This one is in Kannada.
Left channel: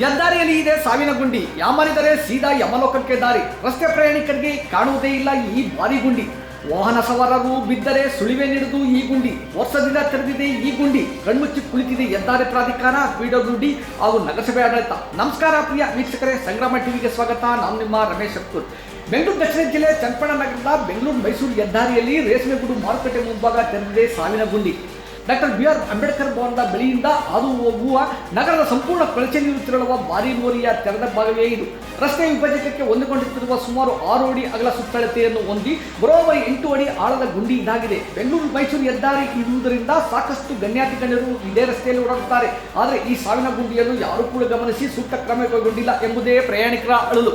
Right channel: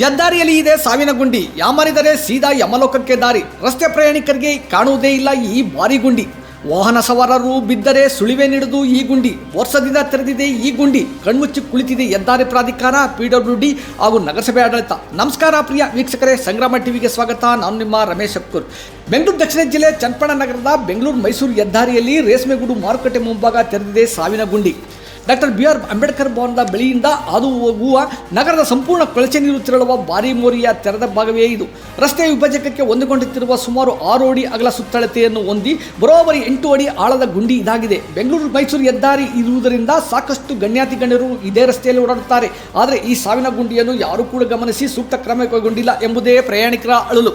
ಹೆದ್ದಾರಿಯಲ್ಲಿ ಇದೆ ಸಾವಿನ ಗುಂಡಿ. ಯಾಮರಿದರೆ ಸೀದಾ ಯಮಲೋಕಕ್ಕೆ ದಾರಿ. ರಸ್ತೆ ಪ್ರಯಾಣಿಕರಿಗೆ ಕಾಣುವುದೇ ಇಲ್ಲ ಈ ಭಾರಿ ಗುಂಡಿ. ವಾಹನ ಸವಾರರು ಬಿದ್ದರೆ ಸುಳಿವೆ ನೀಡುವುದು ಈ ಗುಂಡಿ. ವರ್ಷದಿಂದ ತೆರೆದಿದೆ ಈ ಗುಂಡಿ. ಕಣ್ಮುಚ್ಚಿ ಕುಳಿತಿದೆ ಹೆದ್ದಾರಿ ಪ್ರಾಧಿಕಾರ, PWD ಹಾಗೂ ನಗರಸಭೆ ಆಡಳಿತ. ನಮಸ್ಕಾರ ಪ್ರಿಯ ವೀಕ್ಷಕರೇ, ಸಂಗ್ರಾಮ ಟಿವಿಗೆ ಸ್ವಾಗತ. ನಾನು ನಿಮ್ಮ ರಮೇಶ್ ಶೆಟ್ಟೂರ್. ಬೆಂಗಳೂರು ದಕ್ಷಿಣ ಜಿಲ್ಲೆ ಚನ್ನಪಟ್ಟಣ ನಗರದ ಬೆಂಗಳೂರು ಮೈಸೂರು ಹೆದ್ದಾರಿಯಲ್ಲಿ ರೇಷ್ಮೆಗೂಡು ಮಾರುಕಟ್ಟೆ ಮುಂಭಾಗ ತೆರೆದಿದೆ ಸಾವಿನ ಗುಂಡಿ. ಡಾಕ್ಟರ್ BR ಅಂಬೇಡ್ಕರ್ ಭವನದ ಬಳಿಯಿಂದ ಹಾದು ಹೋಗುವ ನಗರದ ಸಂಪೂರ್ಣ ಕೊಳಚೆ ನೀರು ತೆರಳುವ ಭಾರಿ ಮೋರಿಯ ತೆರೆದ ಭಾಗವೇ ಇದು. ರಸ್ತೆಯ ವಿಭಜಕಕ್ಕೆ ಹೊಂದಿಕೊಂಡಿರುವ ಸುಮಾರು 6 ಅಡಿ ಅಗಲ ಸುತ್ತಳತೆಯನ್ನು ಹೊಂದಿ ಬರೋಬ್ಬರಿ 8 ಅಡಿ ಆಳದ ಗುಂಡಿ ಇದಾಗಿದೆ. ಬೆಂಗಳೂರು ಮೈಸೂರು ಹೆದ್ದಾರಿ ಇರುವುದರಿಂದ ಸಾಕಷ್ಟು ಗಣ್ಯಾತಿ ಗಣ್ಯರು ಇದೇ ರಸ್ತೆಯಲ್ಲಿ ಓಡಾಡುತ್ತಾರೆ. ಆದರೆ ಈ ಸಾವಿನ ಗುಂಡಿಯನ್ನು ಯಾರೂ ಕೂಡ ಗಮನಿಸಿ ಸೂಕ್ತ ಕ್ರಮ ಕೈಗೊಂಡಿಲ್ಲ ಎಂಬುದೇ ಪ್ರಯಾಣಿಕರ ಅಳಲು.